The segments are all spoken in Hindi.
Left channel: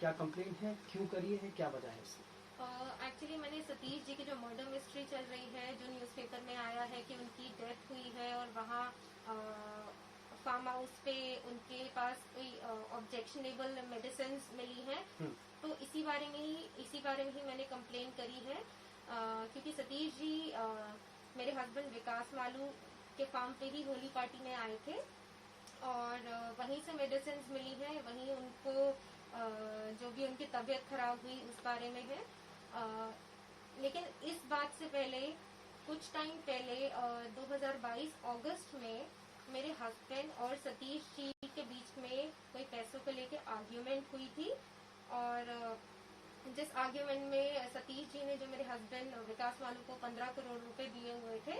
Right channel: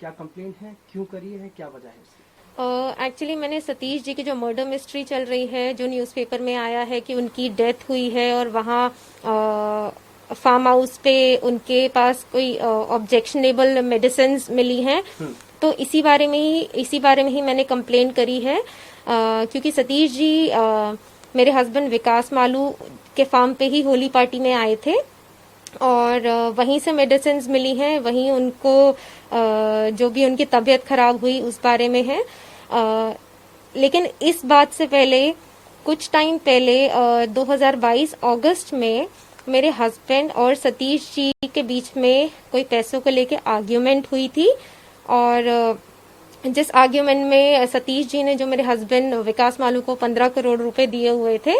क्या कंप्लेंट है, क्यों करी है, क्या वजह है इसकी? एक्चुअली मैंने सतीश जी की जो मर्डर मिस्ट्री चल रही है, जो न्यूज़पेपर में आया है कि उनकी डेथ हुई है और वहाँ फार्म हाउस पे उनके पास कोई ऑब्जेक्शनेबल मेडिसिन मिली हैं, तो इसी बारे में ही मैंने कंप्लेंट करी है। क्योंकि सतीश जी मेरे हस्बैंड विकास मालू के फार्म पे ही होली पार्टी में आए थे और वहीं से मेडिसिन मिली हैं, वहीं उनको जो भी उनकी तबीयत खराब हुई उस बारे में है। लेकिन इस बात से पहले कुछ टाइम पहले 2022 अगस्त में मेरे हस्बैंड और सतीश जी के बीच में कोई पैसों को लेके आर्ग्यूमेंट हुई थी और जिस आर्ग्यूमेंट में सतीश जी ने जो मेरे हस्बैंड विकास मालू को 15 करोड़ रुपए दिए हुए थे,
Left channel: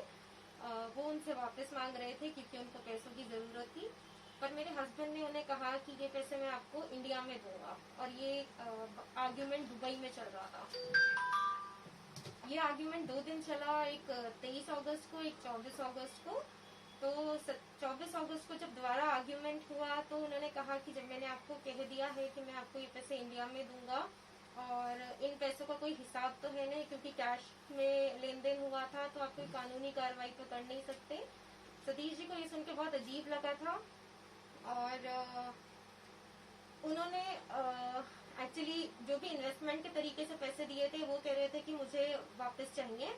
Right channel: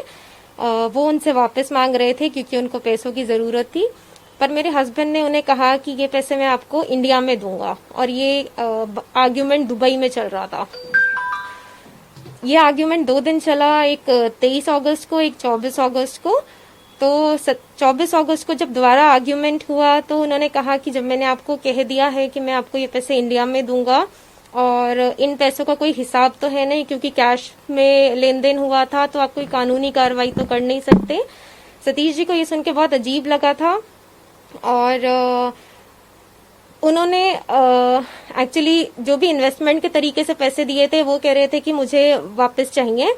वो उनसे वापस मांग रहे थे क्योंकि उनको पैसों की ज़रूरत थी। पर मेरे हस्बैंड ने उन्हें कहा कि ये पैसे मैं आपको इंडिया में दूंगा और ये आर्ग्यूमेंट दुबई में चल रहा था। ये आर्ग्यूमेंट 2 दिन चला, एक 23 अगस्त को, एक 24 अगस्त को। तो 24 अगस्त को जब दोबारा आर्ग्यूमेंट हुआ तो उन्होंने कहा कि जब मैंने आपको कह दिया है कि मैं आपको ये पैसे इंडिया में दूंगा और इन पैसों का कोई हिसाब तो है नहीं क्योंकि कैश में लेन देन हुआ था, तो आप कोई कानूनी कार्रवाई तो कर नहीं सकते। सतीश जी को ये सुन के बहुत अजीब लगा था और उन्होंने एक्चुअली जो भी इन्वेस्टमेंट के तरीके से पैसे दिए थे वो कह रहे थे कि मुझे वापस चाहिए।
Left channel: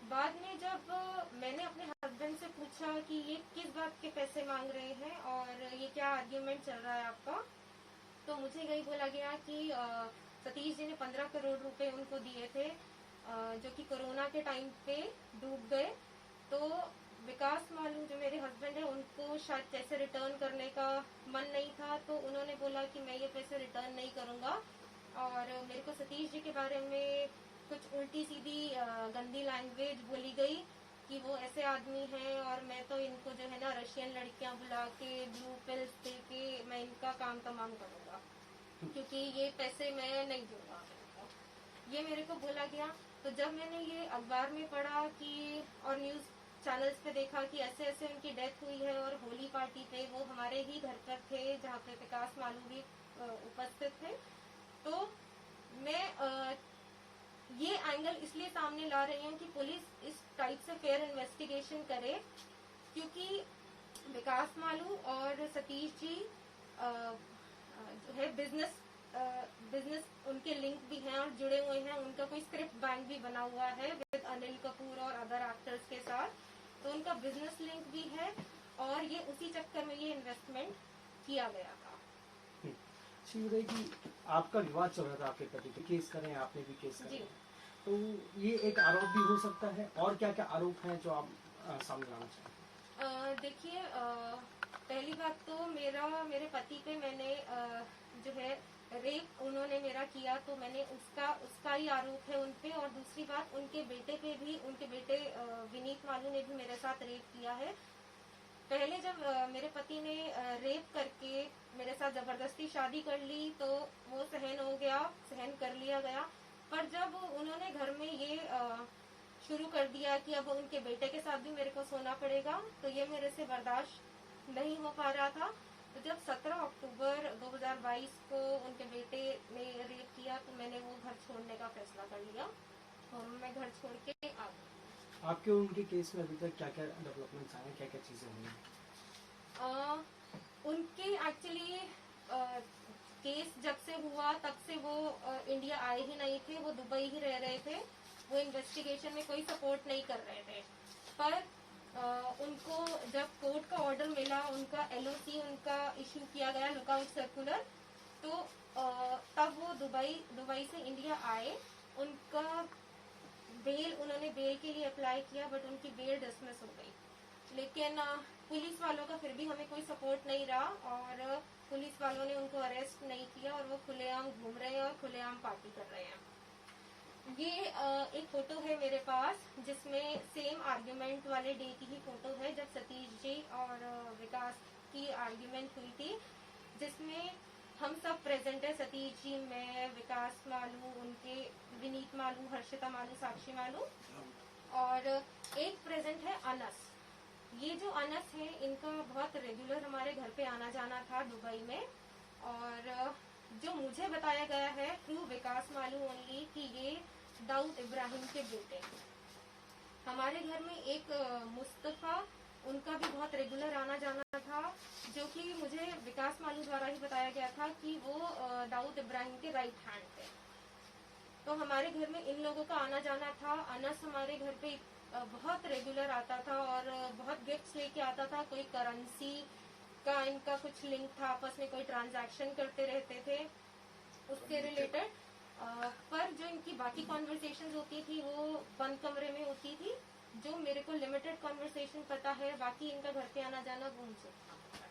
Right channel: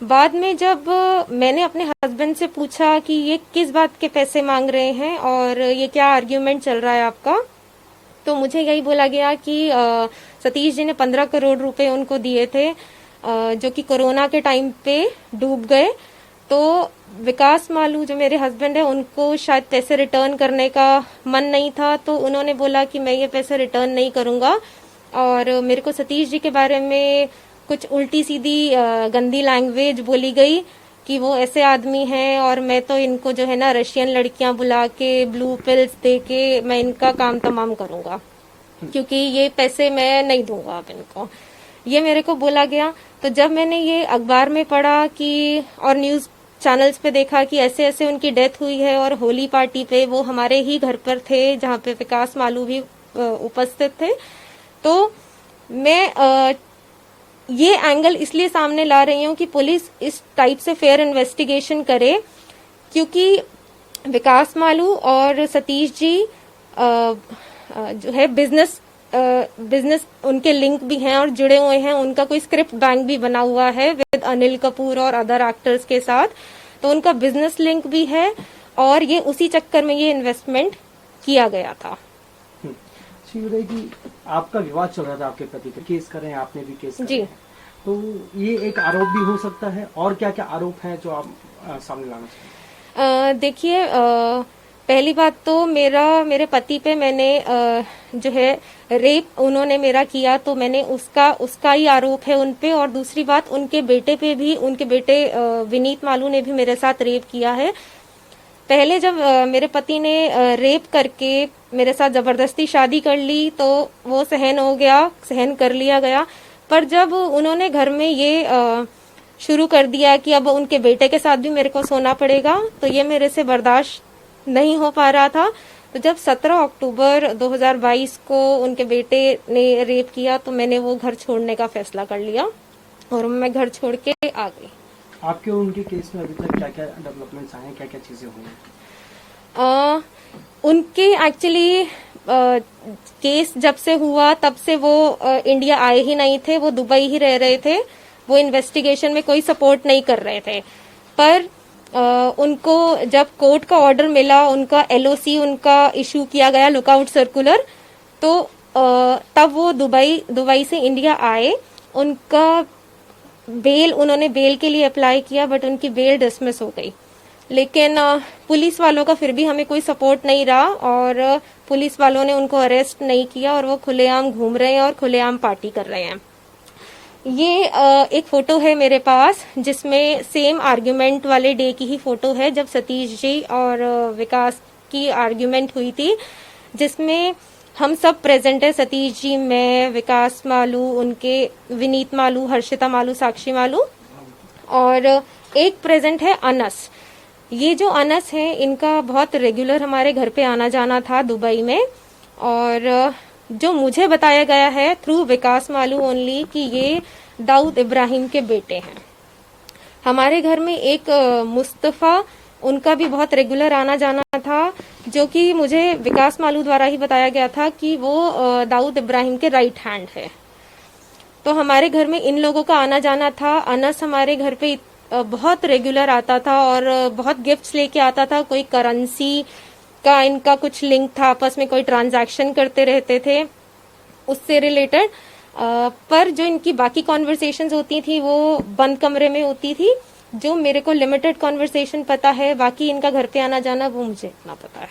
बाद में जब मैंने अपने हस्बैंड से पूछा कि ये किस बात के पैसे मांग रहे हैं और ये क्या आर्ग्यूमेंट चल रहा है आपका, तो मुझे यही बोला गया कि सतीश जी ने 15 करोड़ रुपए उनको दिए थे जो कि कोरोना के टाइम पे डूब गए। तो विकास मालू जो मेरे हस्बैंड है उनको शायद पैसे रिटर्न करने का मन नहीं था, तो उन्होंने बोला कि मैं ये पैसे रिटर्न नहीं करूंगा और मेरे को सतीश जी के बारे में कुछ उल्टी सीधी गंदी लैंग्वेज बोली गई कि वो ऐसे आदमी हैं और मैं तो इनको जो है ना रशियन लड़कियां बुला के ब्लू पिल्स दे के मैं इनका काम तमाम करूंगा क्योंकि ये पैसे मैं नहीं दूंगा अब इनको, ये मेरे को बोला गया। तो जब मैंने ये अखबार में पढ़ा कि और न्यूज चैनल्स पे देखा कि ऐसे ऐसे उनकी डेथ हुई है और होली पार्टी पे वो हमारे ही घर पर थे जहाँ पे विकास मालू भी उपस्थित थे, तो मैं ये एंगल इसलिए सामने ला रही हूँ कि पुलिस इस टाइप से फेयर इन्वेस्टिगेशन करे क्योंकि विकास मालू और सतीश जी जो है बिजनेस उनके लिंक भी हैं और जुड़े हुए हैं। उनका कोई स्क्रिप्ट बैंक भी बना हुआ है विद अनिल कपूर और अदर एक्टर्स के साथ, तो उनका बिजनेस लिंक भी है और ये उसी चक्कर में ये इन्वेस्टमेंट किया गया था। कि आपका विवाद चल रहा था आपके पति पे, केस करें, आपने भी केस जी, तो ये एक आरोप भी हो सकता है, और क्या क्या आरोप है जो आप सामने लाना चाहिए? देखिए, पहली बात तो मेरे पति पे मैंने जो है रेप उन्होंने मेरा किया, तो मैंने उसका ही आरोप है उन पे। और दूसरी बात, उनके बेटे पे भी, उनके बेटे विनीत मालू ने भी मेरे साथ रेप किया है। पहले जब मेरे पति ने रेप करके मेरे साथ जबरदस्ती शादी कर ली तो वो सहन कर लिया गया। पर जब उन्होंने घर में ये शुरू कर दिया कि अब उनके बेटे के साथ भी मेरे को सोना पड़ेगा, तो ये मेरे से बर्दाश्त नहीं हो पा रहा था। तो जब 17 अक्टूबर 2022 को उनके बेटे ने रेप किया तो मैंने वो घर छोड़ने का फैसला कर लिया और मैं घर छोड़ के आ गई। आपके और उनके केस में अभी तक क्या क्या डेवलपमेंट्स आए हैं, क्या क्या चीजें हुई? उनके एक्चुअली केस जब से हुआ तब से वो इंडिया आए ही नहीं थे, वो दुबई ही रह रहे थे। वो इन्वेस्टिगेशन में कोई सपोर्ट नहीं कर रहे थे। पर उनको जब कोर्ट का ऑर्डर मिला, उनका एलओसी उनका इशू किया गया, लुकआउट सर्कुलर, तो तब वो दुबई से इंडिया आए। उनका उन्होंने बेल के लिए अप्लाई किया बट उनकी बेल डिसमिस हो गई। लेकिन पुलिस वालों का फिर भी हमें कोई सपोर्ट नहीं रहा और पुलिस वालों ने उनको अरेस्ट नहीं किया और वो खुलेआम घूम रहे हैं और खुलेआम पार्टी कर रहे हैं। ये एक फोटो है मेरे पास जिसमें सेम आर्ग्यूमेंट वाले डे की ही फोटो है जब सतीश जी और विकास की आर्ग्यूमेंट हुई थी, जिसमें हम सब प्रेजेंट है। सतीश जी, मैं, विकास मालू, उनके विनीत मालू, हर्षिता मालू, साक्षी मालू, और एक प्रेजेंट है अनस। ये जो अनस है इनका बहुत रेगुलर हमारे घर पे आना जाना था दुबई में, और जो मुझे बताया गया है थ्रू विकास मालू ओनली कि ये दाऊद इब्राहिम के बेटे हैं। हमारे घर में एक मुस्तफा, उनका भी बहुत रेगुलर आना जाना था, जो कि मुझे विकास मालू द्वारा ही बताया गया था कि वो दाऊद इब्राहिम के राइट हैंड है। तो हमारे घर में इन लोगों का आना जाना था। अनस हमारे घर पे बहुत रेगुलर आता था और बहुत गिफ्ट्स लेके आता था। कोई करेंसी का इनका कुछ लिंक था, आपस में कोई ट्रांजैक्शन करते रहते थे उससे रिलेटेड। पर जो इनकी बाकी कॉन्वर्सेशंस होती थी वो बंद कमरे में होती थी। जो मेरे को लिमिटेड कॉन्वर्सेशन पता है, बाकी इनका घर पे आना जाना वो मुझे इतना पता है।